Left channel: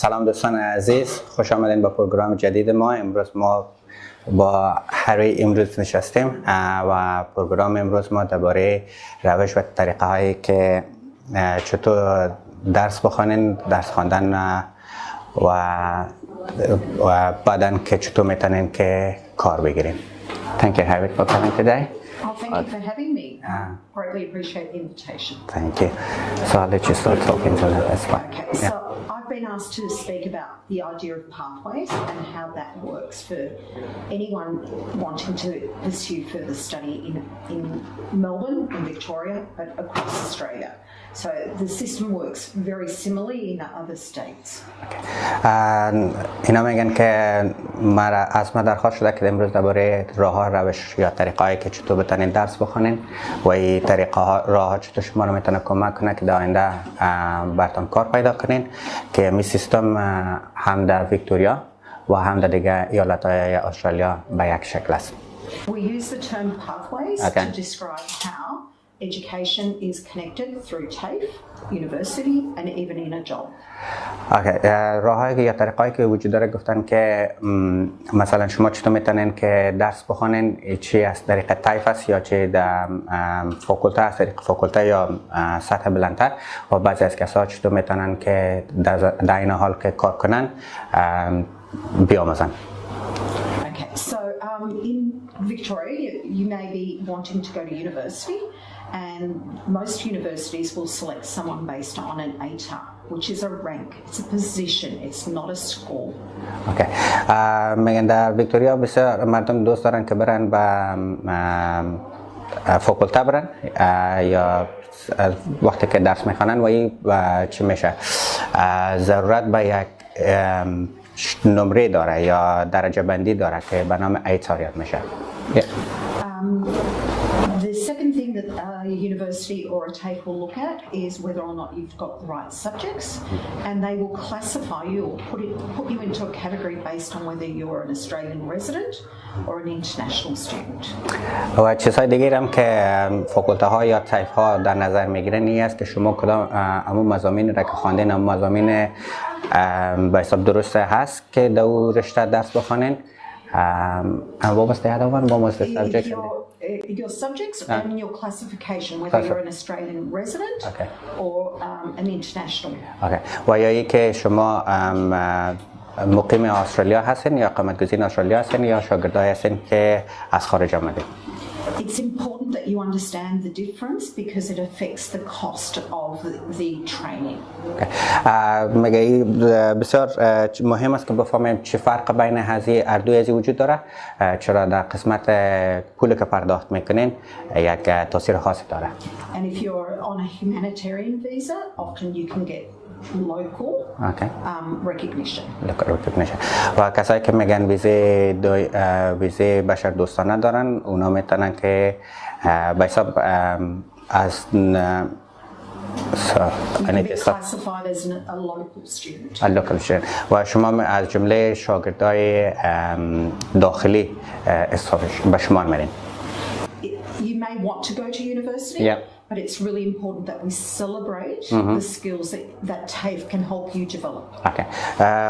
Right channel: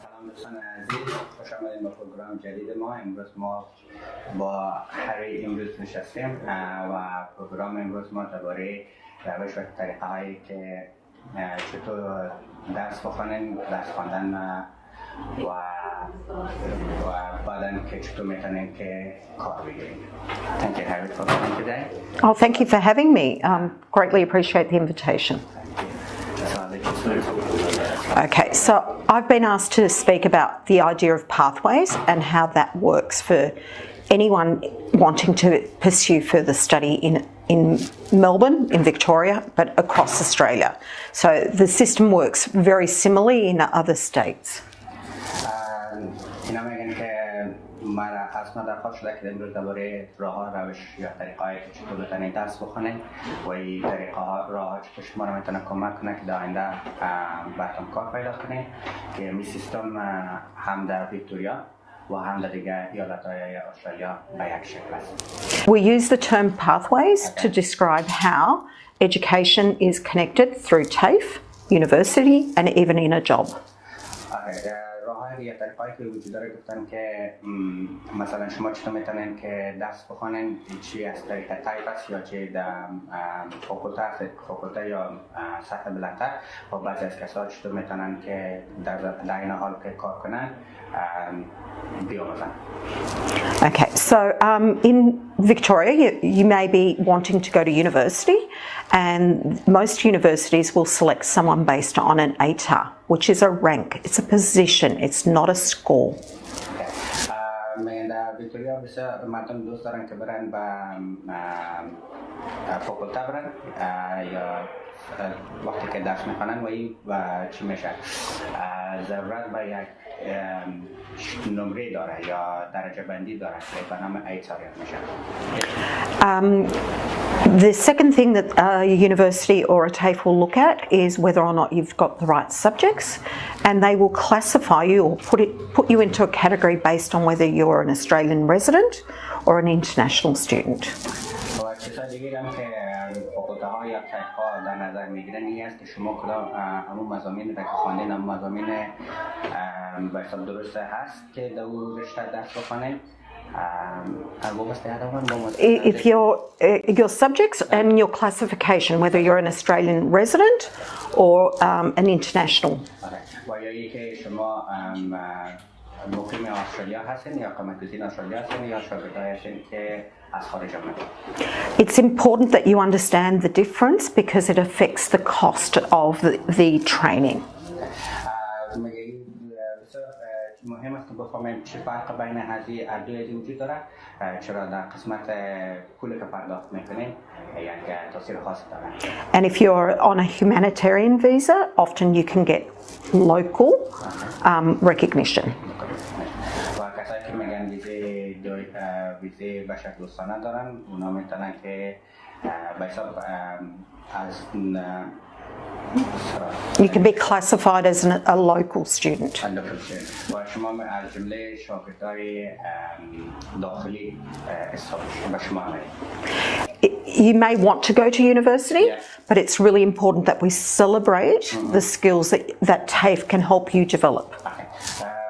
سلام دوستان عزیز، خوش آمدین با پروگرام جدید ما. امروز ما با هری امروز نشستیم و پروگرام امروز ما درباره روش و طریقه هایی که چطور درس بخونین، درس خواندن و بعداً که چطور میتونین که کار بگیرین. Thank you, Harry, for coming today. Oh, thank you for having me. Greatly appreciate the invitation. Thank you. So I'll let you start talking to me as well. Okay, so I've been asked to speak about the idea of pathways and how that works for anyone wanting to pursue further study in Melbourne, in Victoria, but across Australia. So the system works very similarly in other states. اینا میگن که از ما درخواست شده که امروز درباره راه روش یا طریقه هایی که چطور بتونین درس بخونین و این طریقه راه چطور شما رو میتونه کمک کنه که در آینده براتون کار پیدا کنین که می سیستم هم در ویکتوریا و هم در دیگه ایالت های استرالیا به یک شکل است. We use the term pathways to describe how education is connected through TAFE, university and even in a job. راههایی یا طریقه‌ای که وجود داره گفتن که مثلا شما چطور میتونین که درس بخونین، چی از طریق تایف است یا چه در فاکولته است، طریق فاکولته یا سطح بلندتر و بعضی از کسا چطور میتونن که در این حال که کار کنن بیاموزن. Okay, so in Victoria, you may be wanting to go to university, and most universities will select someone based on an ATAR, which is a rank. It's a position. It's not a score. Okay. میگن در ویکتوریا بسیار مردم دوست دارن که برن به فاکولته برن یا وقتی که درس میخوانن و این چی میشه ضرورت به یک نمره داره یا درجه بندی داره که به نام ATAR یاد میشه. The second thing that a university or a TAFE will look at is whether or not you've got the right subjects, and they will classify you or put you into a category based on whether you're an Australian resident or an international student. و چیزهای دیگه هم که فاکولته ها یا تایف ها در نظر میگیرن این است که شما کدام همون مضامین را که خواندین هم مضامین به حساب درست هست که در رشته درس بخونین. And what was the other one? What was the subject? If your subjects and your classification, whether you're an Australian resident or an international. Okay. و یا که شما مقیم استرالیا هستین یا اقامت گزین استرالیا هستین یا شاگردای هستین که از خارج آمدین. It's important that you understand the difference because it affects the cost of the training. مگه بسیار مهم است که بفهمیم چه فرق بین هذه اردوی از وجود داره، چرا در قسمت پولی که پرداخت میکنین یک تاثیر خاصی داره. And if you're on a humanitarian visa, often you can get local recognition. و کسایی که میگن ویزه بشر دوستانه دارن اونا میتونن که به حساب از You can be classified as a local student. A local student. و شما از جمله شاگردای داخلی به شما میرین. You may want to go to university, but it's really important that we celebrate the skills that TAFE can help you develop. Okay.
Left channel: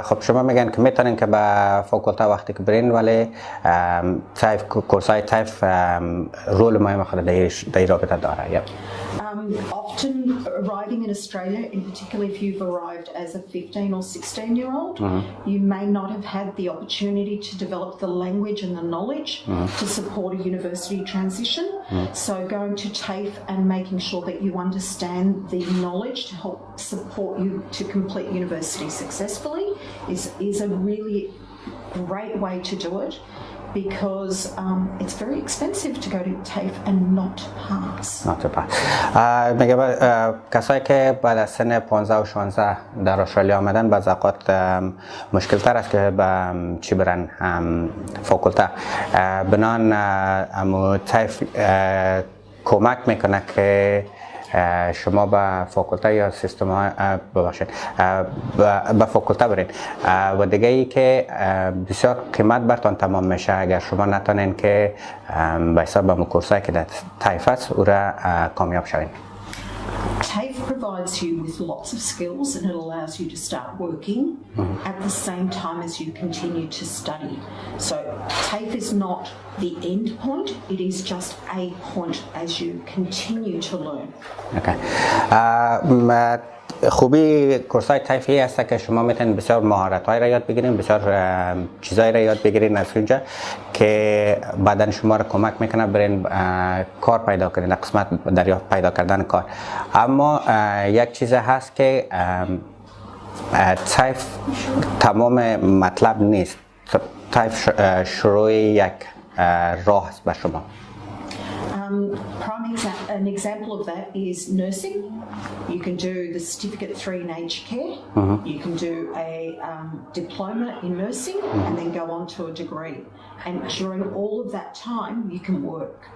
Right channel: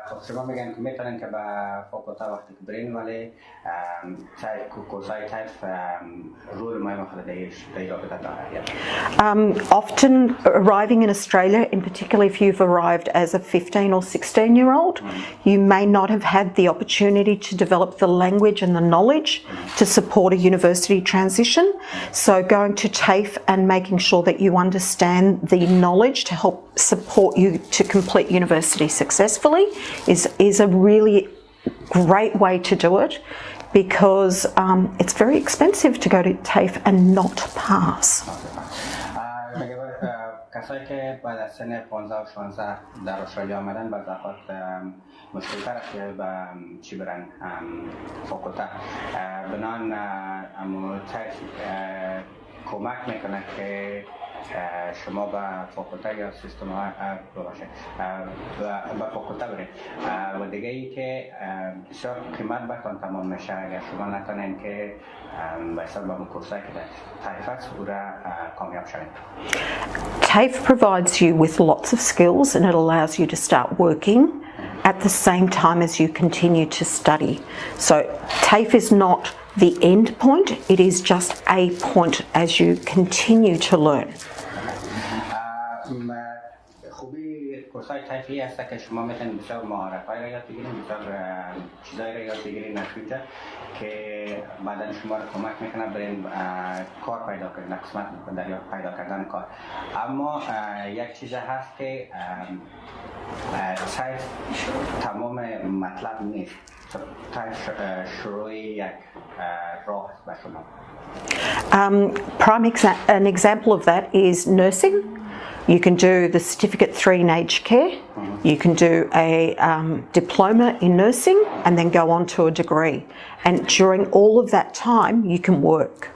خب شما میگن که میتونین که به فاکولته وقتی که برین ولی تایف کورسای تایف رول مهم خود در رابطه داره. Often arriving in Australia, in particular if you've arrived as a 15 or 16-year-old, you may not have had the opportunity to develop the language and the knowledge to support a university transition. So going to TAFE and making sure that you understand the knowledge to help support you to complete university successfully is a really great way to do it because it's very expensive to go to TAFE and not pass. میگه کسایی که بعد از سن 15 و 16 در استرالیا آمدن بعض اوقات مشکل تر است که چی برن فاکولته بنان TAFE کمک میکنه که شما به فاکولته یا سیستم ها ببخشید به فاکولته برین و دیگه ای که بسیار قیمت برتان تمام میشه اگر شما نتونین که به حساب به کورسایی که در تایف است او را کامیاب شوین. TAFE provides you with lots of skills and it allows you to start working at the same time as you continue to study. So TAFE is not the end point, it is just a point as you continue to learn. Okay. خوبی کورسای تایفی هست که شما میتونید بسیار مهارت‌های را یاد بگیرین، بسیار چیزایی را یاد بگیرین از اونجا که بعداً شما را کمک میکنه برین کار پیدا کنین، قسمت دریافت پیدا کردن کار. اما یک چیز هست که تایف تمام مطلب نیست. تایف شروع یک راه است به شما. An example of that is nursing. You can do the certificate 3 in aged care. You can do a diploma in nursing and then go on to a degree. And during all of that time, you can work.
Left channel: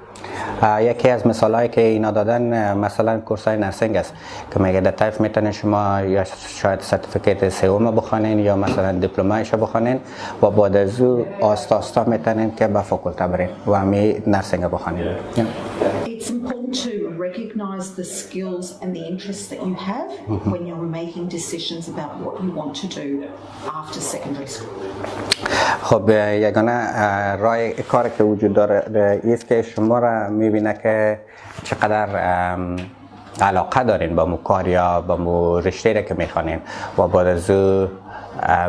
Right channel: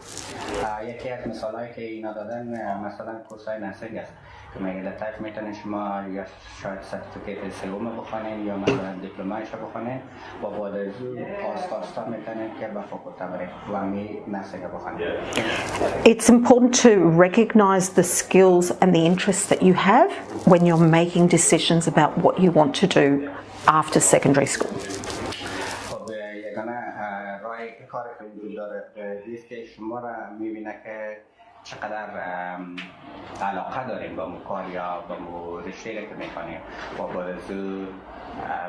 یکی از مثالایی که اینا دادن مثلا کورسای نرسینگ است که میگه در تایف میتونین شما یا شاید سرتیفیکیت سوم بخونین یا مثلا دیپلمایش بخونین و بعد از او آستا آستا میتونین که به فاکولته برین و همی نرسینگ بخونین. It's important to recognize the skills and the interests that you have when you're making decisions about what you want to do after secondary school. خب یگانه راه کاری که وجود داره است که شما را میبینه که چقدر علاقه دارین با مو کار یا با مو رشته که میخوانین و بعد از او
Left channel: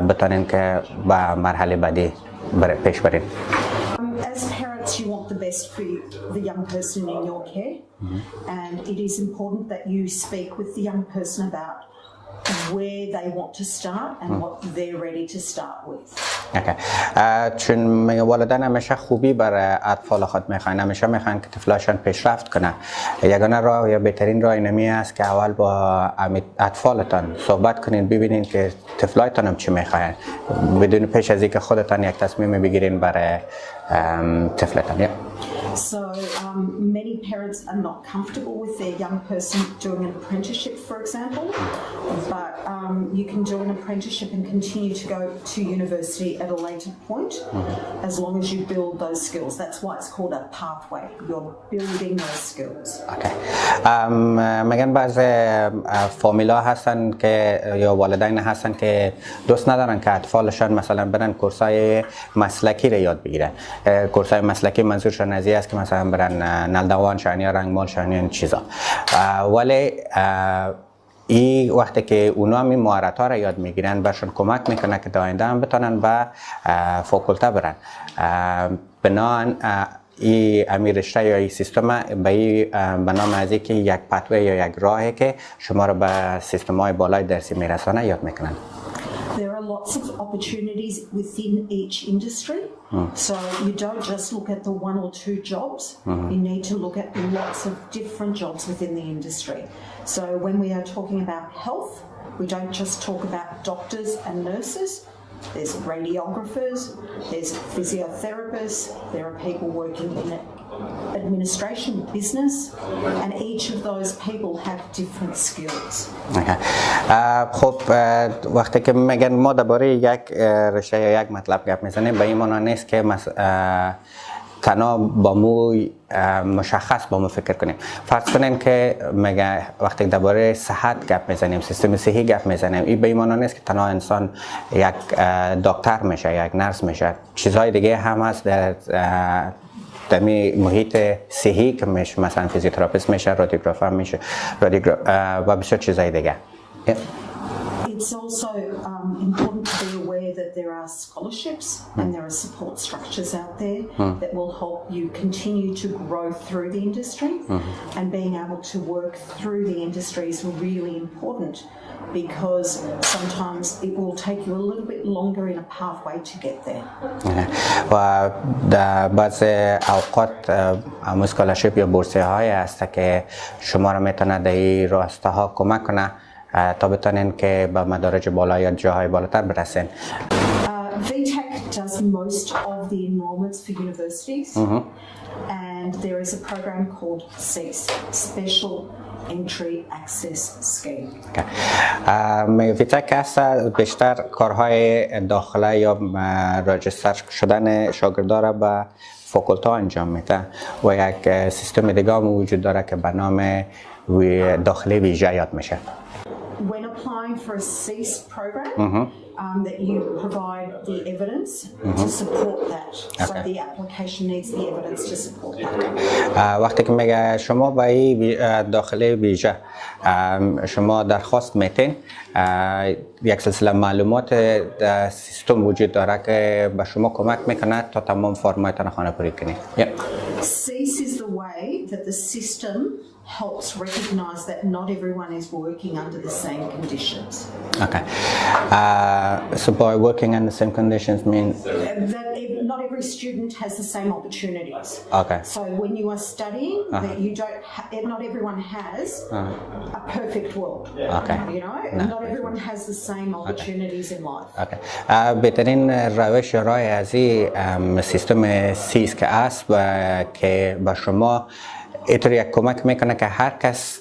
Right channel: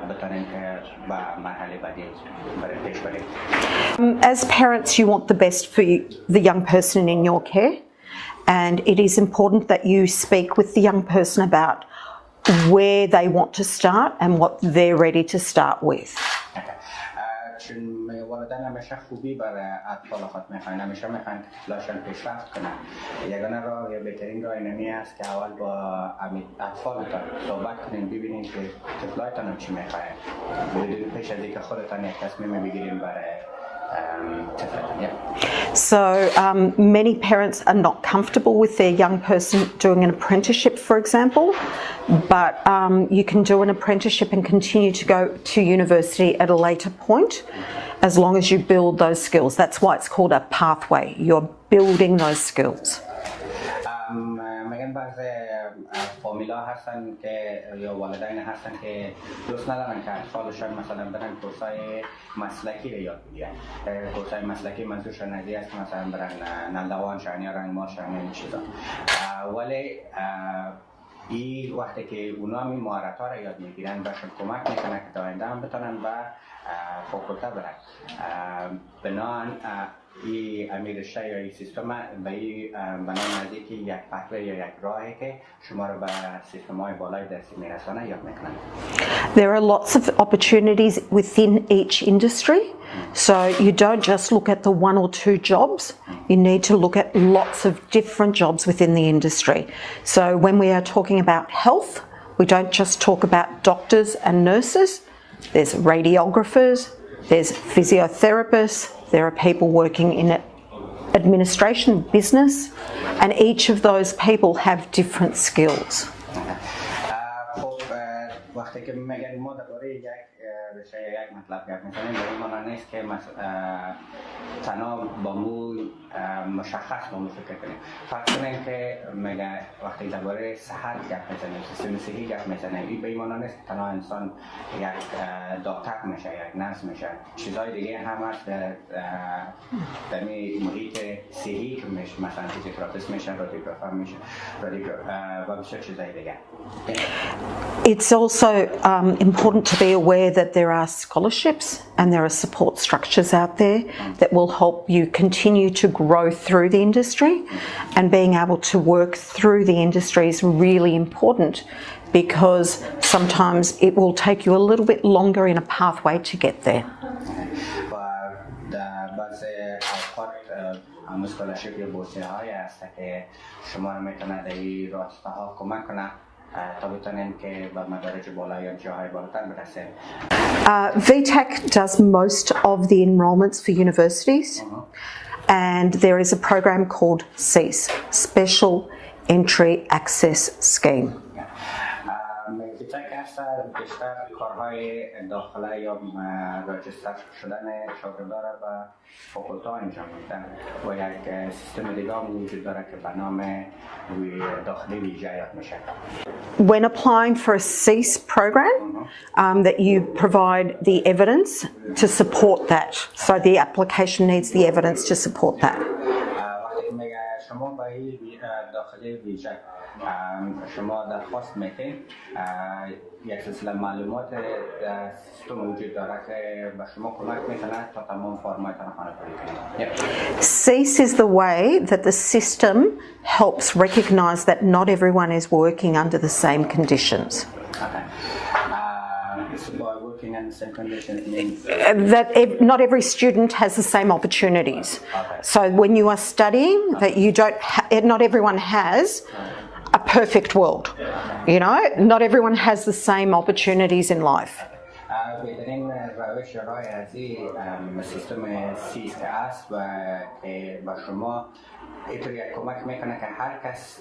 بتانین که به مرحله بعدی پیش برین. As parents, you want the best for the young person in your care, and it is important that you speak with the young person about where they want to start and what they're ready to start with. چون والدین همیشه خوبی برای اطفال خود میخواین، همیشه میخواین که طفلاشون پیشرفت کنه. یگانه راه یا بهترین راه اینمی است که اول با اطفالتان صحبت کنین، ببینین که طفلایتان هم چی میخواین بدون پیش از اینکه خودتان یک تصمیم بگیرین برای طفلتان. So many parents are not comfortable with their young person doing an apprenticeship, for example, but you can do an apprenticeship and continue to go to university at a later point, as long as you build those skills. That's why it's called a pathway. You're building those skills. Okay. میگن بعض فامیلا هستن که یا والدین هستن که دوست ندارن که اطفالشان مثلا برن کورسای مسلکی رو یاد بگیرن. کورسای مسلکی منظورشون از این است که مثلا برن نلدوان شن یا رنگمال شن یا این چیزا. ولی این وقتی که اونا می مهارت‌ها را یاد میگیرن برشون کمک میکنه که در آینده هم بتونن به فاکولته برن. بنابراین این امیر رشته یا این سیستم به نام از اینکه یک پتوه یا یک راهی که شما را به سیستم‌های بالای درسی میرسانه یاد میکنن. There are lots of opportunities within each industry. So you don't just look at the one or two jobs, you need to look at lots of different jobs within the industry. So when we are talking about health, we don't just talk about doctors and nurses, there's radiographers, there's physiotherapists, there are people working in administration, business, and each of those people have different skills. خب وقتی که میگن ما درباره یک رشته یا یک مطلب گپ میزنیم به این معنی نیست که تنها با مو مشخص با مو فکر کنیم. فرض کنین که میگه وقتی درباره صحت گپ میزنیم، سیستم صحی گپ میزنیم، این به این معنی نیست که تنها انسان یک دکتر میشه، یک نرس میشه. چیزهای دیگه هم هست در محیط صحی که میشه، مثلا فیزیوتراپیست میشه، رادیوگرافر میشه و بسیار چیزهای دیگه. It's also important to be aware that there are scholarships and there are support structures out there that will help you continue to grow through the industry, and being able to work through the industry is really important because sometimes it will take you a little bit longer in a pathway to get there. و در بعض اوقات اسکولارشیپ یا بورسیه های هست که شما را میتونه در این راسته ها کمک کنه تا بتونین که به مدارج بالا یا جاهای بالاتر برسین. VTAC does most of the enrolments for universities, and there is a program called CEASE, Special Entry Access Scheme. VTAC هست بیشتر کارهای داخله یا راجستر شدن شاگردان را به فاکولته انجام میده و یک سیستم دیگه هم وجود داره که به نام داخلی ویژه یاد میشه. when applying for a cease program, that you provide the evidence to support that. So the application needs the evidence to support that. وقتی که میگه شما با این داخله ویژه شما درخواست میتین یک سلسله معلومات در سیستم وجود داره که به شما کمک میکنه تا تمام فرمایتان خانه پوری کنید. Cease is the way that the system helps recognise that not everyone is working under the same conditions. Okay. So by working in the same conditions mean? That not every student has the same opportunities. Okay. So when you are studying, that you don't, not everyone has a perfect world. Okay. You know, not everyone has the same opportunities in life. Okay. بهترین روش راه از این سیستم سیس که است که با شما اینطوری کمک میکنه که هر کس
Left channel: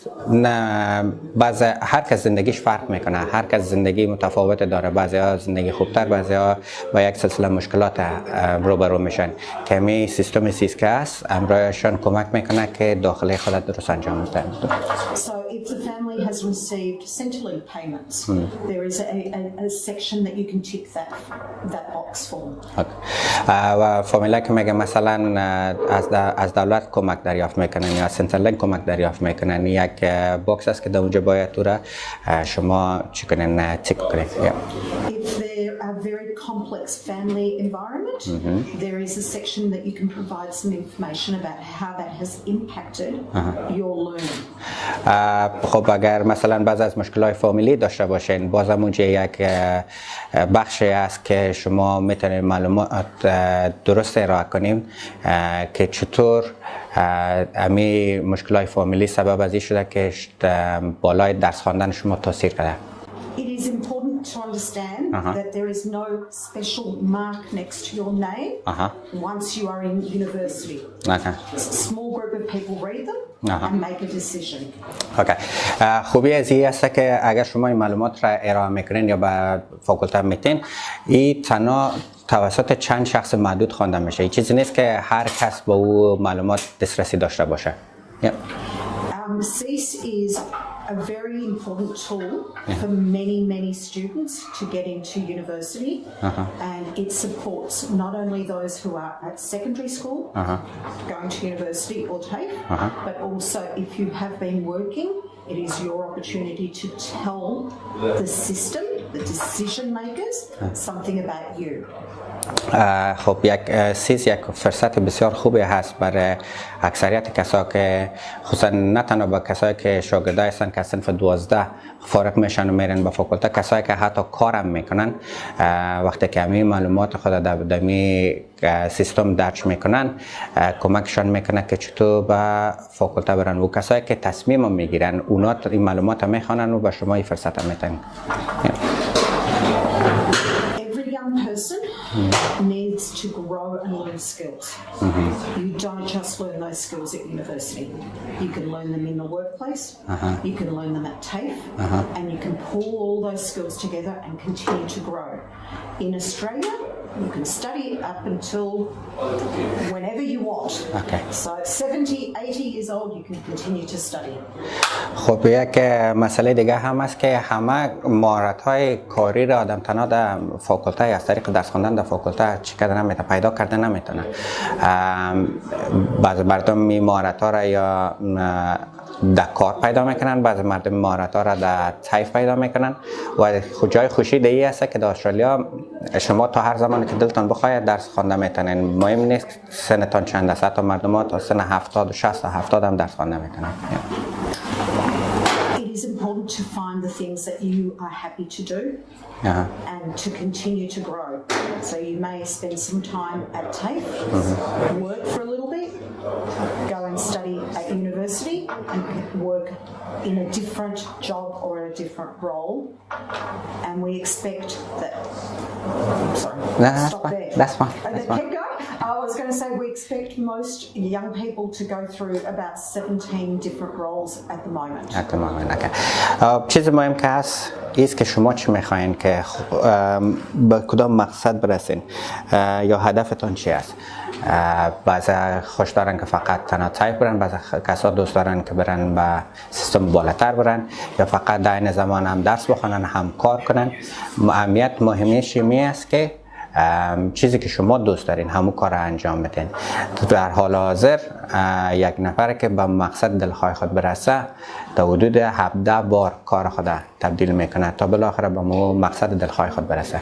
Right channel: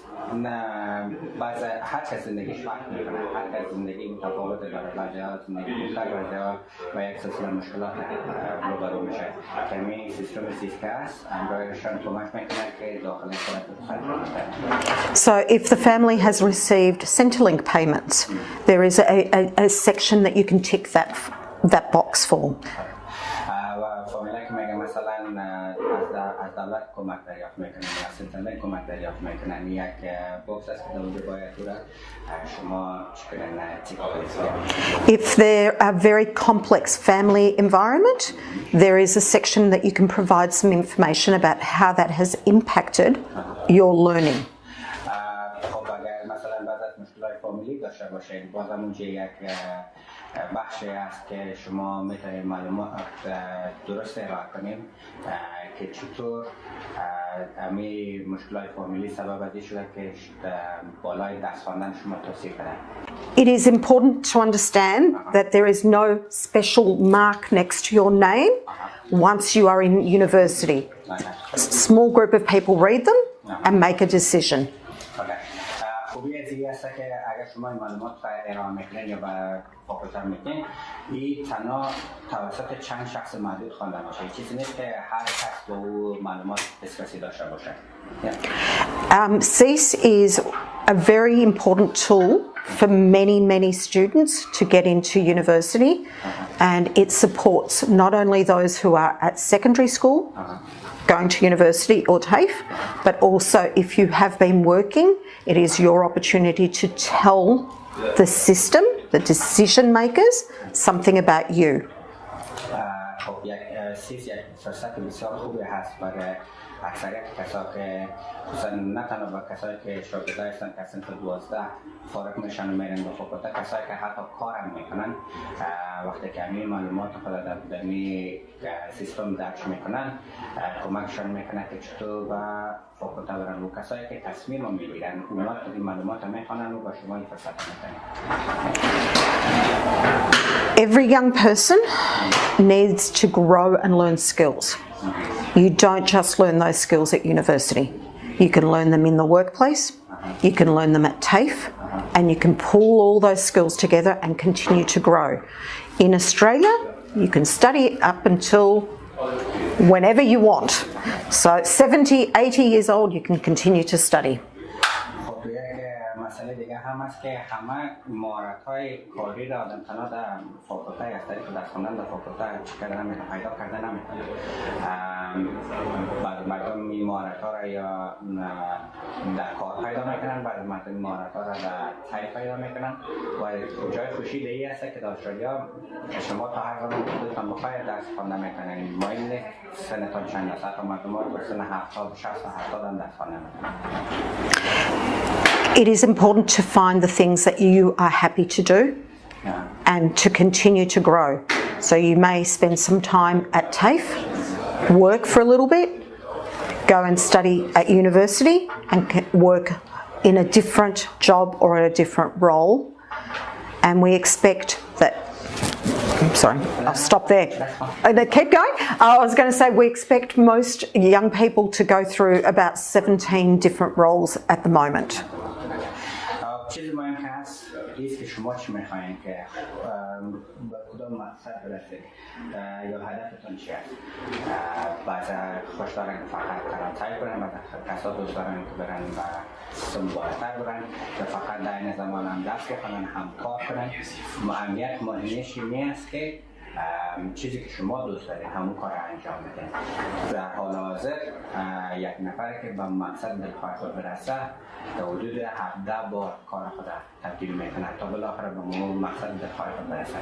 هر کس زندگیش فرق میکنه، هر کس زندگی متفاوت داره، بعضیا زندگی خوبتر، بعضیا با یک سلسله مشکلات روبرو میشن که می سیستم سیس که است امرایشان کمک میکنه که داخل خودت درست انجام بده. So if the family has received Centrelink payments, there is a section that you can tick that box for. و فامیلا که میگه مثلا از دولت کمک دریافت میکنن یا سنترلینک کمک دریافت میکنن، یک باکس است که در اونجا باید تو را شما چی کنین تیک کنین. If there are very complex family environment, there is a section that you can provide some information about how that has impacted your learning. خب اگر مثلا بعض از مشکلات فامیلی داشته باشین، بازم اونجا یک بخشی است که شما میتونید معلومات درست ارائه کنیم که چطور امی مشکلات فامیلی سبب از این شده که بالای درس خواندن شما تاثیر کرده. It is important to understand that there is no special mark next to your name once you are in university. A small group of people read them and make a decision. خوبی از این است که اگر شما این معلومات را ارائه میکنین یا به فاکولته میتین، این تنها توسط چند شخص محدود خوانده میشه. این چیزی نیست که هر کس با او معلومات دسترسی داشته باشه. CEASE is a very important tool for many students to get into university, and it supports not only those who are at secondary school going to university or TAFE, but also if you have been working, it is your opportunity to tell the system, the decision makers, something about you. خب یک فرصت بسیار خوبی هست برای اکثریت کسایی که خصوصا نه تنها با کسایی که شاگردای هستن که صنف 12 فارغ میشن و میرن به فاکولته، کسایی که حتی کارم میکنن وقتی که همین معلومات خود در سیستم درج میکنن کمکشان میکنه که چطور به فاکولته برن. و کسایی که تصمیم میگیرن اونا این معلومات میخوانن و به شما این فرصت میتن. Every young person needs to grow and learn skills. You don't just learn those skills at university. You can learn them in the workplace, you can learn them at TAFE, and you can pull all those skills together and continue to grow. In Australia, you can study up until whenever you want. So 70, 80 years old, you can continue to study. خب یک مسئله دیگه هم است که همه مهارت‌های کاری را آدم تنها در فاکولته از طریق درس خواندن در فاکولته چی کردن نمیتونه، پیدا کردن نمیتونه. بعضی مردم این مهارت‌ها را یا در کار پیدا میکنن، بعضی مردم مهارت‌ها را در طیف پیدا میکنن و جای خوشی دیگه است که در استرالیا شما تا هر زمانی که دلتان بخواید درس خوانده میتونین. مهم نیست سنتان چند است، حتی مردم تا سن 70 60 70 هم درس خوانده میتونن. It is important to find the things that you are happy to do and to continue to grow. So you may spend some time at TAFE, work for a little bit, go and study at university and work in a different job or in a different role. And we expect that sorry, I'll stop there. That's fine. Keep going. I was going to say we expect most young people to go through about 17 different roles at the moment. At the moment, okay. چیز مهم که هست ایست که شما چی میخواین که به کدام مقصد برسین یا هدفتون چی است. بعضی خوش دارن که فقط تنها تایپ برن، بعضی کسا دوست دارن که برن به سیستم بالاتر برن یا فقط در این زمان هم درس بخونن هم کار کنن. اهمیت مهمیش می است که چیزی که شما دوست دارین همون کار را انجام بدین. در حال حاضر یک نفر که به مقصد دلخواه خود برسه تا حدود 17 بار کار خود تبدیل میکنه تا بالاخره به مقصد دلخواه خود برسه.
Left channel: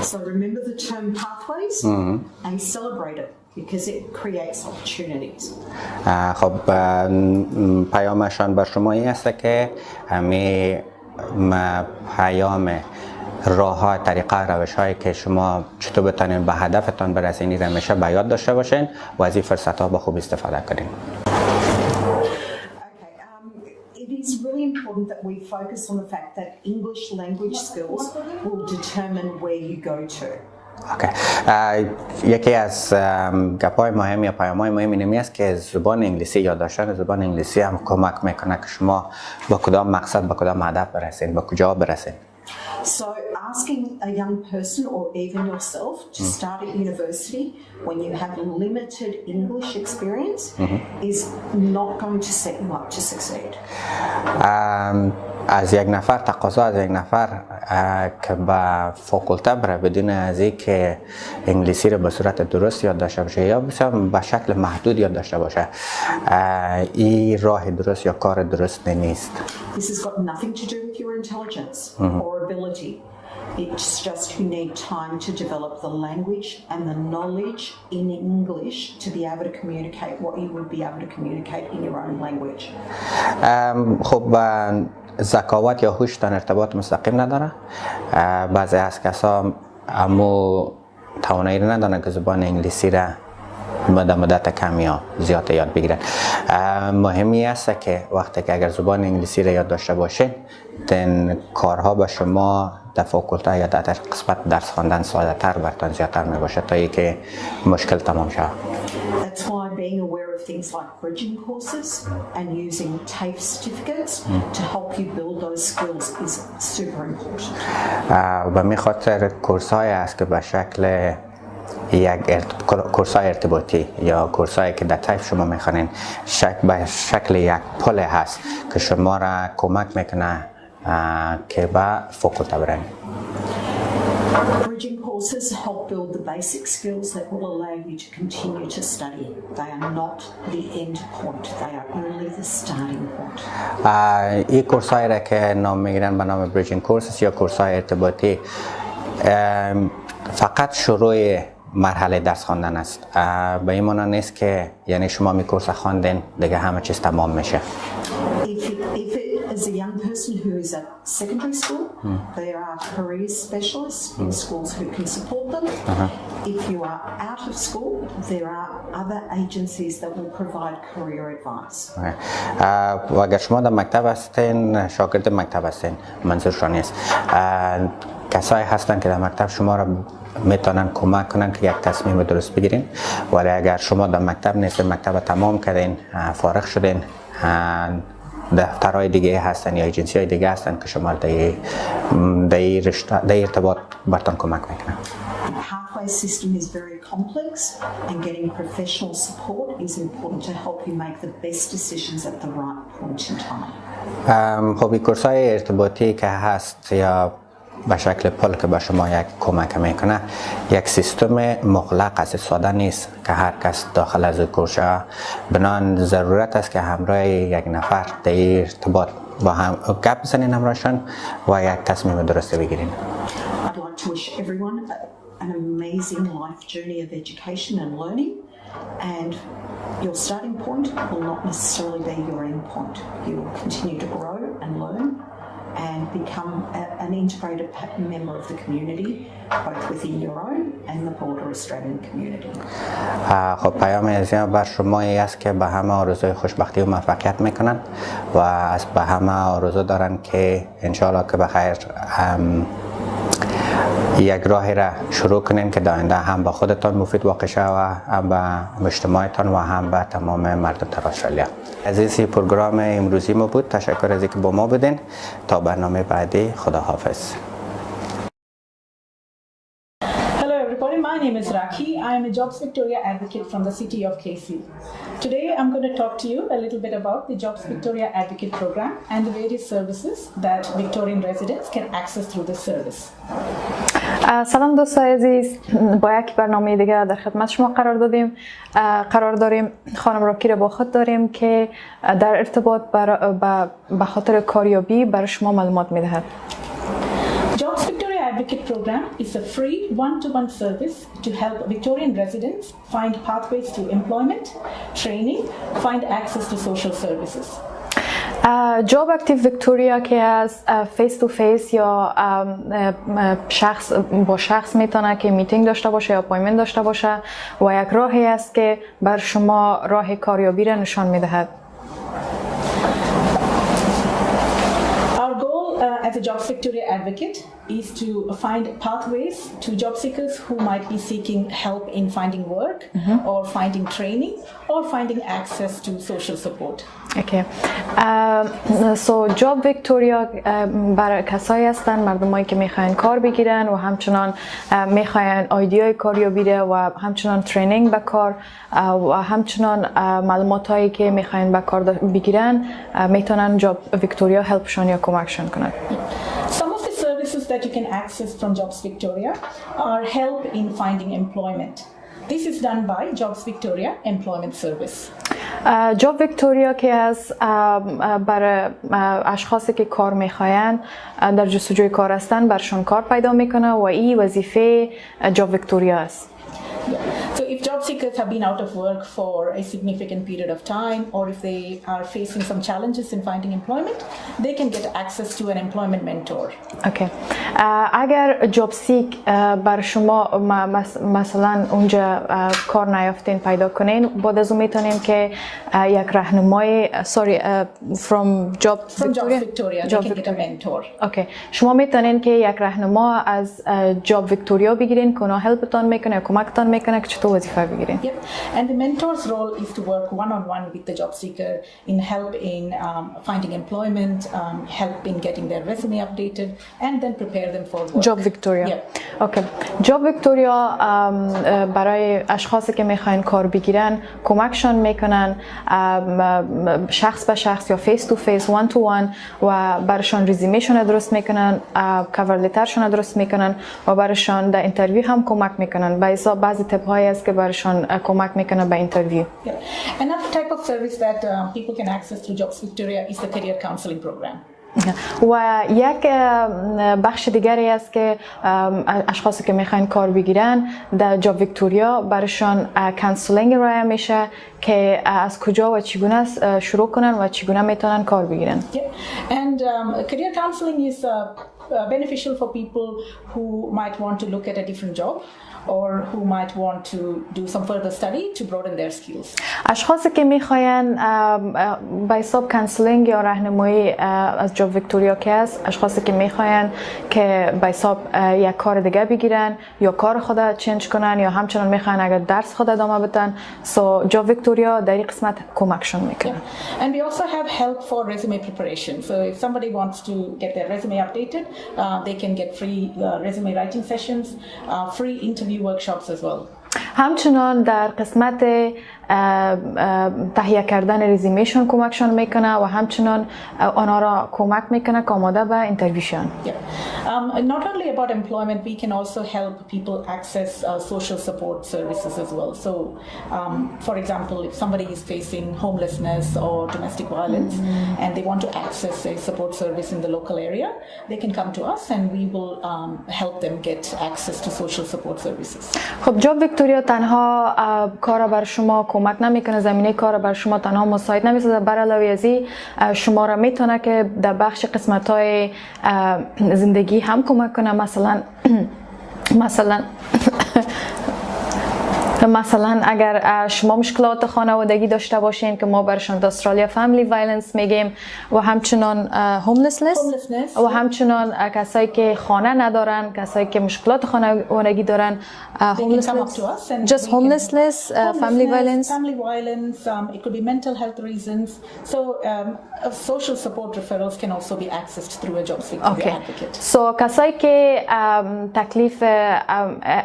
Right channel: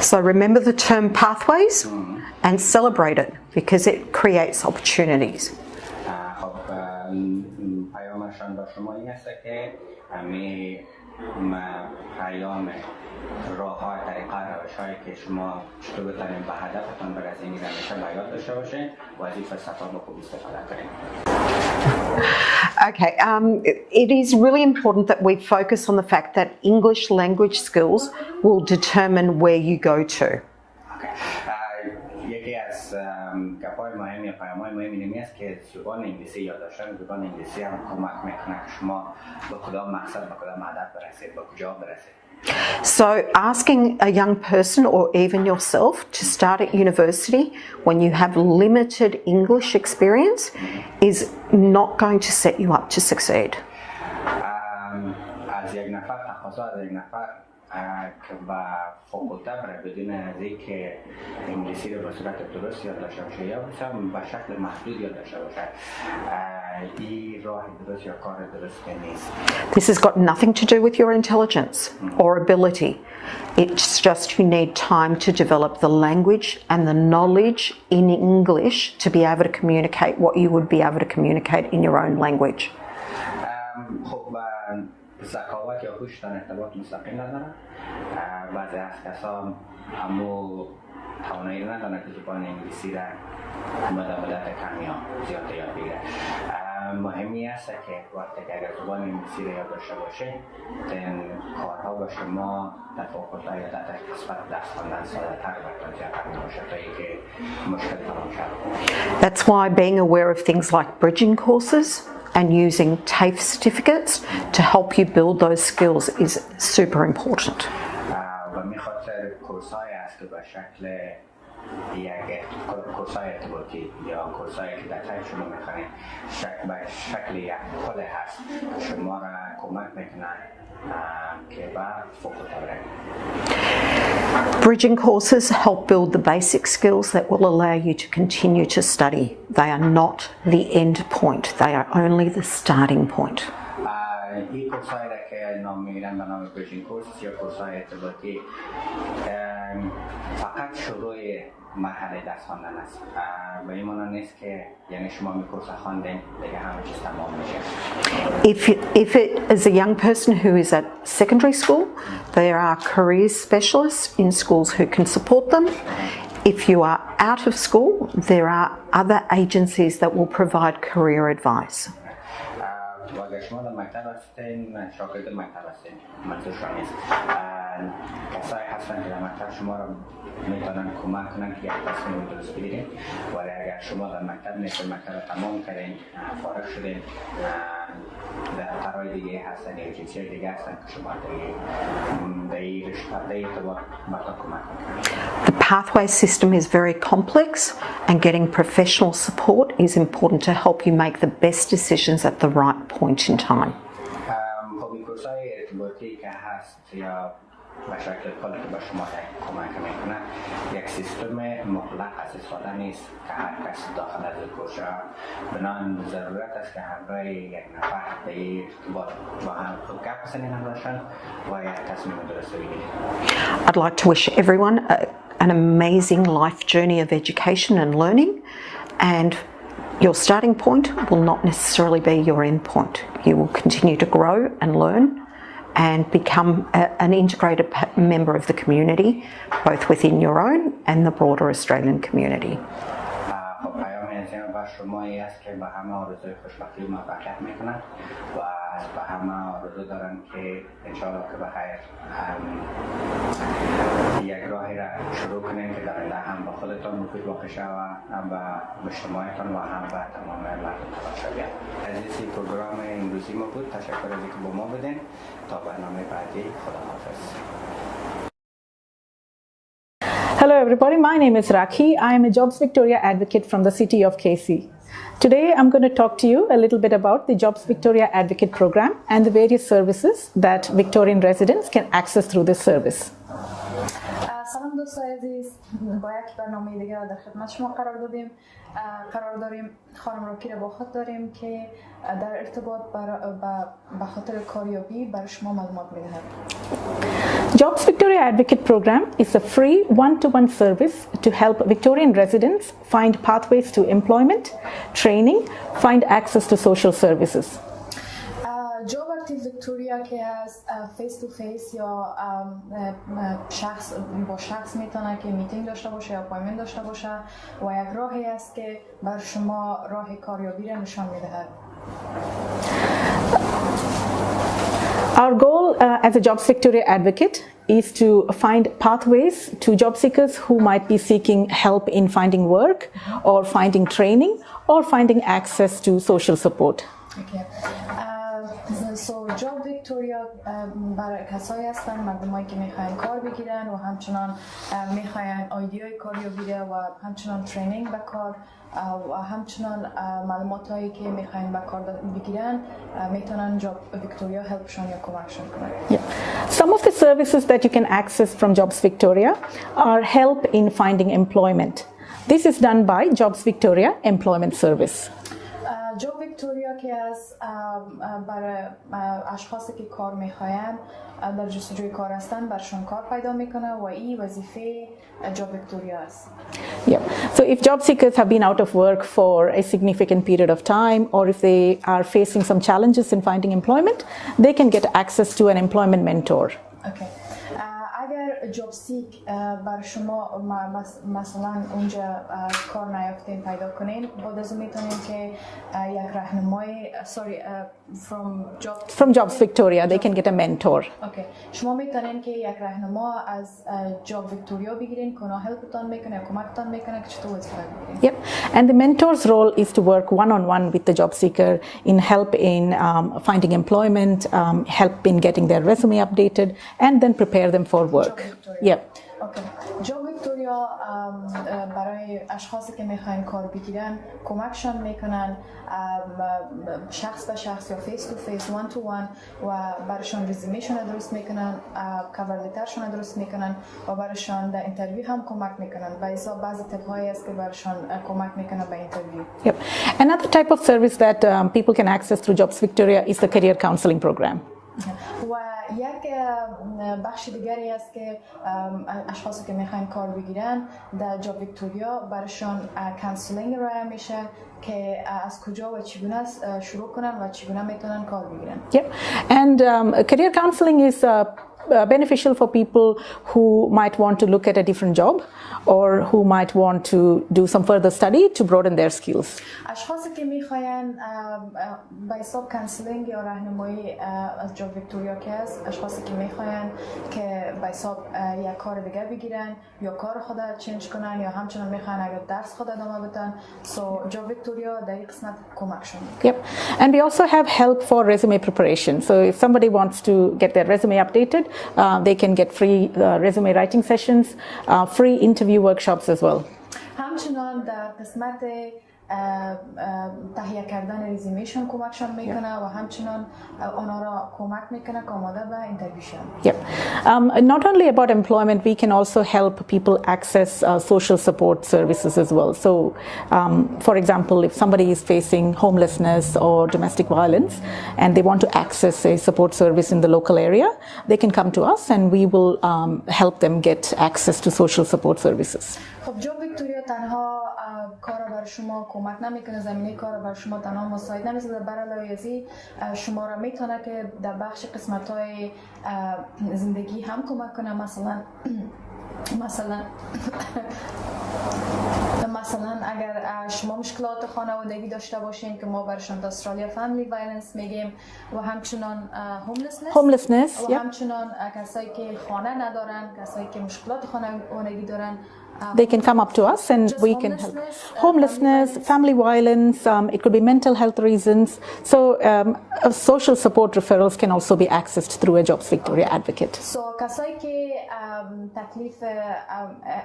So remember the term pathways and celebrate it because it creates opportunities. خب پیامشان بر شما این است که همین پیام راه های طریقه روش هایی که شما چطور بتونین به هدفتان برسین همیشه به یاد داشته باشین و از این فرصت ها به خوب استفاده کنین. Okay, it is really important that we focus on the fact that English language skills will determine where you go to. یکی از گپ‌های مهم یا پیام‌های مهم اینمی است که زبان انگلیسی یاد داشتن زبان انگلیسی هم کمک میکنه که شما با کدام مقصد با کدام هدف برسید، با کجا برسید. So asking a young person or even yourself to start at university when you have limited English experience is not going to set you up to succeed. از یک نفر تقاضا از یک نفر که به فاکولته بره بدون از اینکه انگلیسی رو به صورت درست یاد داشته باشه یا به شکل محدود یاد داشته باشه این راه درست یا کار درست نیست. This has got nothing to do with your intelligence or ability. It's just you need time to develop the language and the knowledge in English to be able to communicate what you would be able to communicate in your own language. خب ذکاوت یا هوش تن ارتباط مستقیم نداره. بعضی از کسا امو توانایی رو ندارن که زبان انگلیسی را مدت کم یا زیاد یاد بگیرن. مهمی است که وقتی که اگر زبان انگلیسی را یاد داشته باشین دن کارها به شما در فاکولته یا در قسمت درس خواندن ساده تر براتون زیادتر می باشه تا اینکه مشکل تمام شود. That's why being aware of things like bridging courses and using TAFE certificates to help you build those skills is super important. و می خاطر کورس های است که به شکل یک کورس های ارتباطی یا کورس هایی که در تایف شما میخوانین به شکل یک پل هست که شما را کمک میکنه که به فاکولته برین. Bridging courses help build the basic skills that will allow you to continue to study. They are not the end point. They are only the starting point. این کورس هایی را که نام میگیرن به نام bridging courses یا کورس های ارتباطی فقط شروع مرحله درس خواندن است. به این معنی نیست که یعنی شما می کورس خواندین دیگه همه چیز تمام میشه. If it is a young person who is at secondary school, there are career specialists in schools who can support them. If you are out of school, there are other agencies that will provide career advice. و اگر شما در مکتب هستین، شاگرد مکتب هستین، منظورشان نیست. کسایی هستن که در مکتب شما را میتونن کمک کنن که یک تصمیم درست بگیرین. ولی اگر شما در مکتب نیستین، مکتب تمام کردین، فارغ شدین، دفترهای دیگه هستن یا ایجنسی های دیگه هستن که شما در ارتباط براتون کمک میکنن. The pathway system is very complex and getting professional support is important to help you make the best decisions at the right point in time. خب این کورس های ارتباطی که هست یا به شکل پل که به شما یک کمک میکنه یک سیستم مغلق است، ساده نیست که هر کس داخل از کورس بنان ضرورت است که همراه یک نفر در ارتباط با هم گپ بزنین همراهشان و یک تصمیم درست بگیرین. I'd like to wish everyone an amazing life journey of education and learning, and your starting point will not necessarily be your end point. You will continue to grow and learn and become an integrated member of the community, both within your own and the broader Australian community. خب پیام عزیزم بر شما است که به همه آرزوی خوشبختی و موفقیت میکنن و از به همه آرزو دارن که انشالله که بخیر یک راهی را شروع کنین که در آینده هم به خودتان مفید واقع شود و هم به مجتمعتان و هم به تمام مردم استرالیا. عزیزی پروگرام امروزی ما بود. تشکر از اینکه با ما بودین. تا برنامه بعدی، خداحافظ. Hello everybody, my name is Rakhi. I am a Jobs Victoria advocate from the city of KC. Today I'm going to talk to you a little bit about the Jobs Victoria Advocate program and the various services that Victorian residents can access through this service. سلام دوستان عزیز، با یک برنامه دیگر در خدمت شما قرار داریم. خانم راکی را با خود داریم که در ارتباط به خاطر کاریابی برای شما معلومات میدهد. Jobs Victoria Advocate program is a free one-to-one service to help Victorian residents find pathways to employment, training, find access to social services. جاب اکتیو ویکتوریا که از فیس تو فیس یا شخص با شخص میتونه که میتینگ داشته باشه یا اپایمنت داشته باشه و یک راهی است که بر شما راه کاریابی را نشان میدهد. Our goal as a Jobs Victoria advocate is to find pathways to job seekers who might be seeking help in finding work or finding training or finding access to social support. Okay. جاب ویکتوریا برای کسایی هستن مردمایی که میخواین کار بگیرن و همچنان میخواین ایده‌های کاریابی و همچنان ترینینگ به کار و همچنان معلومات هایی که میخواین به کار بگیرن میتونن جاب ویکتوریا هلپشون یا کمکشون کنن. Some of the services that you can access from Jobs Victoria are help in finding employment. This is done by Jobs Victoria Employment Service. جاب ویکتوریا که از برای اشخاصی که کار میخواین در جستجوی کار هستن برشون کار پیدا میکنه و این وظیفه جاب ویکتوریا است. Yeah. So if job seekers have been out of work for a significant period of time, or if they are facing some challenges in finding employment, they can get access to an employment mentor. Okay. اگر جاب سیک بر شما مثلا اونجا کار نیافتین پیدا کنین، بعد از اون میتونین که یک راهنمای from Jobs Victoria they can get a mentor. Okay. شما میتونین که یک راهنما از جاب ویکتوریا بگیرین که اونا هلپتون میکنه، کمکتون میکنه که چطور وظیفه بگیرین. Yep. And the mentor's role is to work one-on-one with the job seeker in help in finding employment, help in getting their resume updated, and then prepare them for work. جاب ویکتوریا. Yeah. Okay. جاب ویکتوریا برای اشخاصی که میخواین کار بگیرن کمکشون میکنن شخص به شخص یا فیس تو فیس وان تو وان و براشون رزومهشون درست میکنن، کاور لترشون درست میکنن و براشون در اینترویو هم کمک میکنن. به حساب بعضی تپ هایی است که براشون کمک میکنه به اینترویو. Yep. Another type of service that people can access through Jobs Victoria is the career counseling program. و یک بخش دیگری است که اشخاصی که میخواین کار بگیرن در جاب ویکتوریا برشان کانسلینگ رای میشه که از کجا و چگونه شروع کنن و چگونه میتونن کار بگیرن. Yeah. And career counseling is beneficial for people who might want to look at a different job or who might want to do some further study to broaden their skills. اشخاصی که میخواین به حساب کانسلینگ یا راهنمایی از جاب ویکتوریا که است، اشخاصی که میخواین که به حساب یک کار دیگه بگیرن یا کار خود چنج کنن یا همچنان میخواین اگر درس خود ادامه بدن، سو جاب ویکتوریا در این قسمت کمکشون میکنه. Yeah. And we also have help for resume preparation. So if somebody wants to get their resume updated, they can get free resume writing sessions, free interview workshops as well. همچنان در قسمت تهیه کردن رزومهشون کمکشون میکنه و همچنان آنها را کمک میکنه که آماده به اینترویوشن. Not only about employment, we can also help people access social support services as well. So, for example, if somebody is facing homelessness or domestic violence and they want to access a support service in the local area, they can come to us and we will help them get access to social support services. خب جاب ویکتوریا تنها کار بر شما کمک نمیکنه، زمینه کار بر شما تنها مساعد نمیسازه، بر علاوه از این شما را میتونه که در بخش قسمت‌های زندگی هم کمک کنه. مثلا مثلا اگر شما مشکلات خانوادگی داشته باشین که ما برشان در استرالیا فامیلی وایلنس میگیم و همچنان هوملسنس و همچنان کسایی که خانه ندارن، کسایی که مشکلات خانوادگی دارن they can come up to us and just homelessness, family violence, it could be mental health reasons. So social support referrals can also be accessed through a Jobs Victoria advocate. So کسایی که تکلیف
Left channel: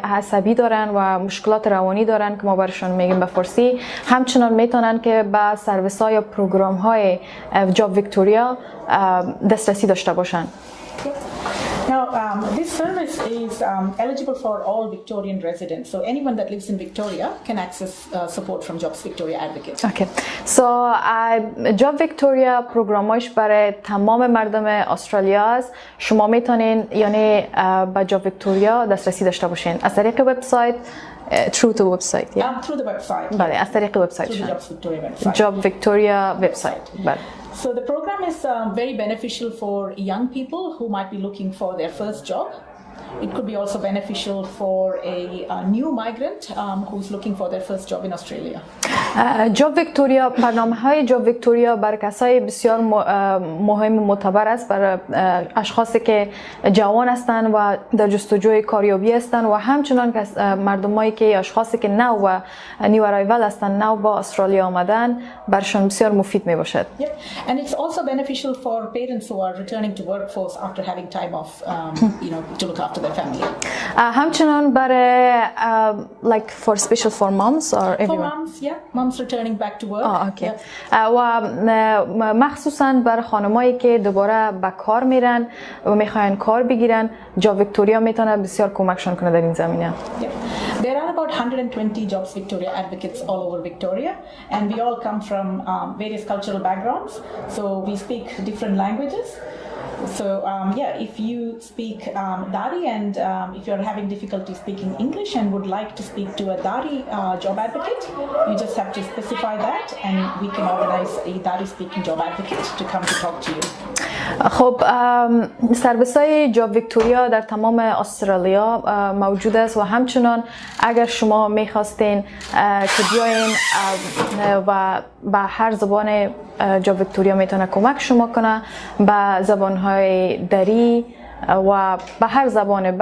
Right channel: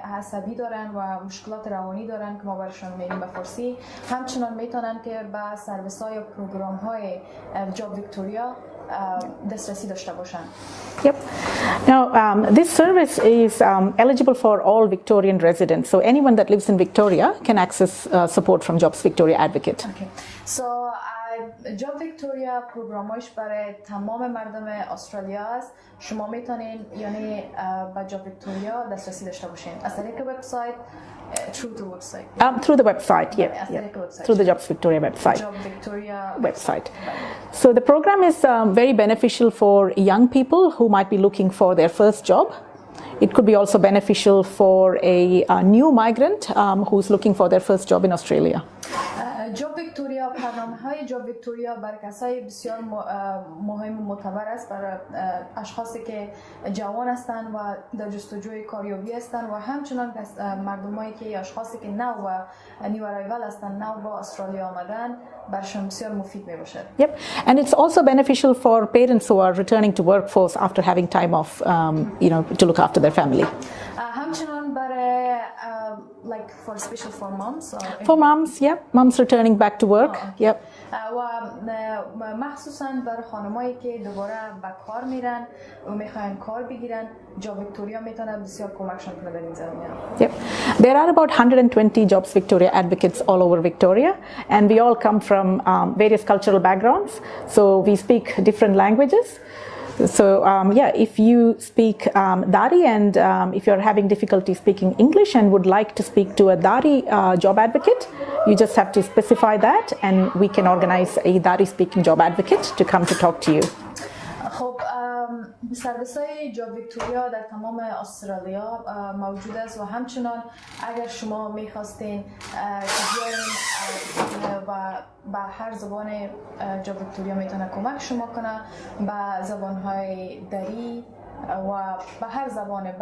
عصبی دارن و مشکلات روانی دارن که ما برشون میگیم به فارسی، همچنان میتونن که به سرویس های یا پروگرام های جاب ویکتوریا دسترسی داشته باشن. Yep. Now, this service is eligible for all Victorian residents. So anyone that lives in Victoria can access support from Jobs Victoria Advocate. Okay. So, Job Victoria پروگرامش برای تمام مردم استرالیا است. شما میتونین یعنی با جاب ویکتوریا دسترسی داشته باشین از طریق وبسایت. Through the website. Yeah. Through the website. بله، از طریق وبسایت. Through the Jobs Victoria website. Job Victoria website. بله. So the program is very beneficial for young people who might be looking for their first job. It could be also beneficial for a new migrant who's looking for their first job in Australia. جاب ویکتوریا، برنامه‌های جاب ویکتوریا برای کسای بسیار مهم معتبر است، برای اشخاصی که جوان هستند و در جستجوی کاریابی هستند و همچنان مردمایی که اشخاصی که نو و نیو ارایول هستند، نو با استرالیا آمدن، برشان بسیار مفید می باشد. Yep. And it's also beneficial for parents who are returning to workforce after having time off, to look after their family. همچنان برای like for special for moms or for moms, yeah, moms returning back to work. Okay. Yep. و مخصوصا برای خانمایی که دوباره به کار میرن و میخواین کار بگیرن، جاب ویکتوریا میتونه بسیار کمکشون کنه در این زمینه. Yep. There are about 120 Jobs Victoria advocates all over Victoria, and we all come from various cultural backgrounds, so we speak different languages. So if you speak Dari and if you're having difficulty speaking English and would like to speak to a Dari job advocate, you just have to specify that and we can organize a Dari speaking job advocate to come to talk to you. خب سرویس های جاب ویکتوریا در تمام استرالیا موجود است و همچنان اگر شما میخواستین که بیاین و با هر زبان جاب ویکتوریا میتونه کمک شما کنه، با زبان های دری و به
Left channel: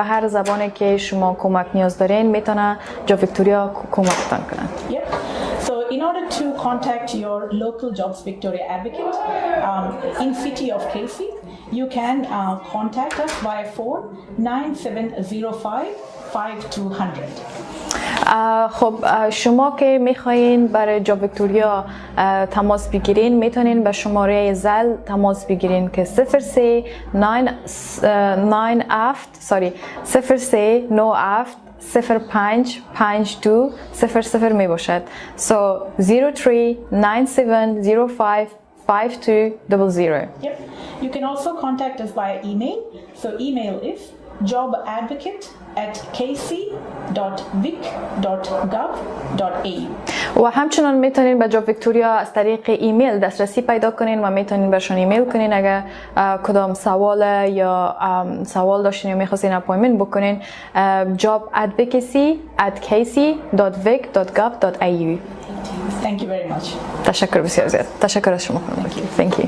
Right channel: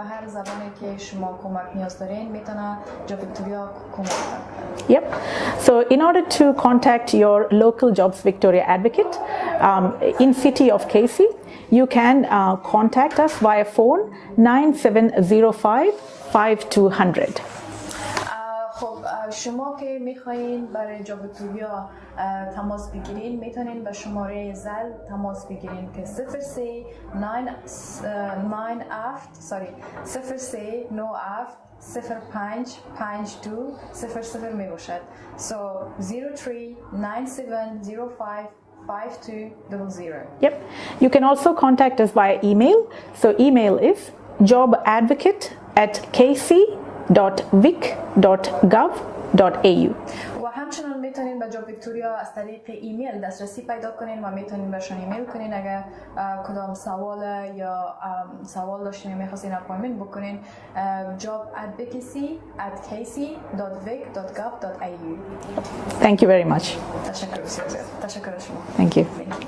هر زبانی که شما کمک نیاز دارین میتونه جاب ویکتوریا کمکتان کنه. Yep. So in order to contact your local Jobs Victoria advocate in city of Casey, you can contact us via phone 9705 5200. خب شما که میخواین برای جاب ویکتوریا تماس بگیرین میتونین به شماره زل تماس بگیرین که 0397 می باشد. So 0397055200. Yep. You can also contact us via email. So email is jobadvocate@casey.vic.gov.au. و همچنان میتونین به جاب ویکتوریا از طریق ایمیل دسترسی پیدا کنین و میتونین برشان ایمیل کنین اگر کدام سوال یا سوال داشتین یا میخواستین اپایمنت بکنین. Thank jobadvocacy@casey.vic.gov.au. you very much. تشکر بسیار زیاد. تشکر از شما. Thank you. Thank you.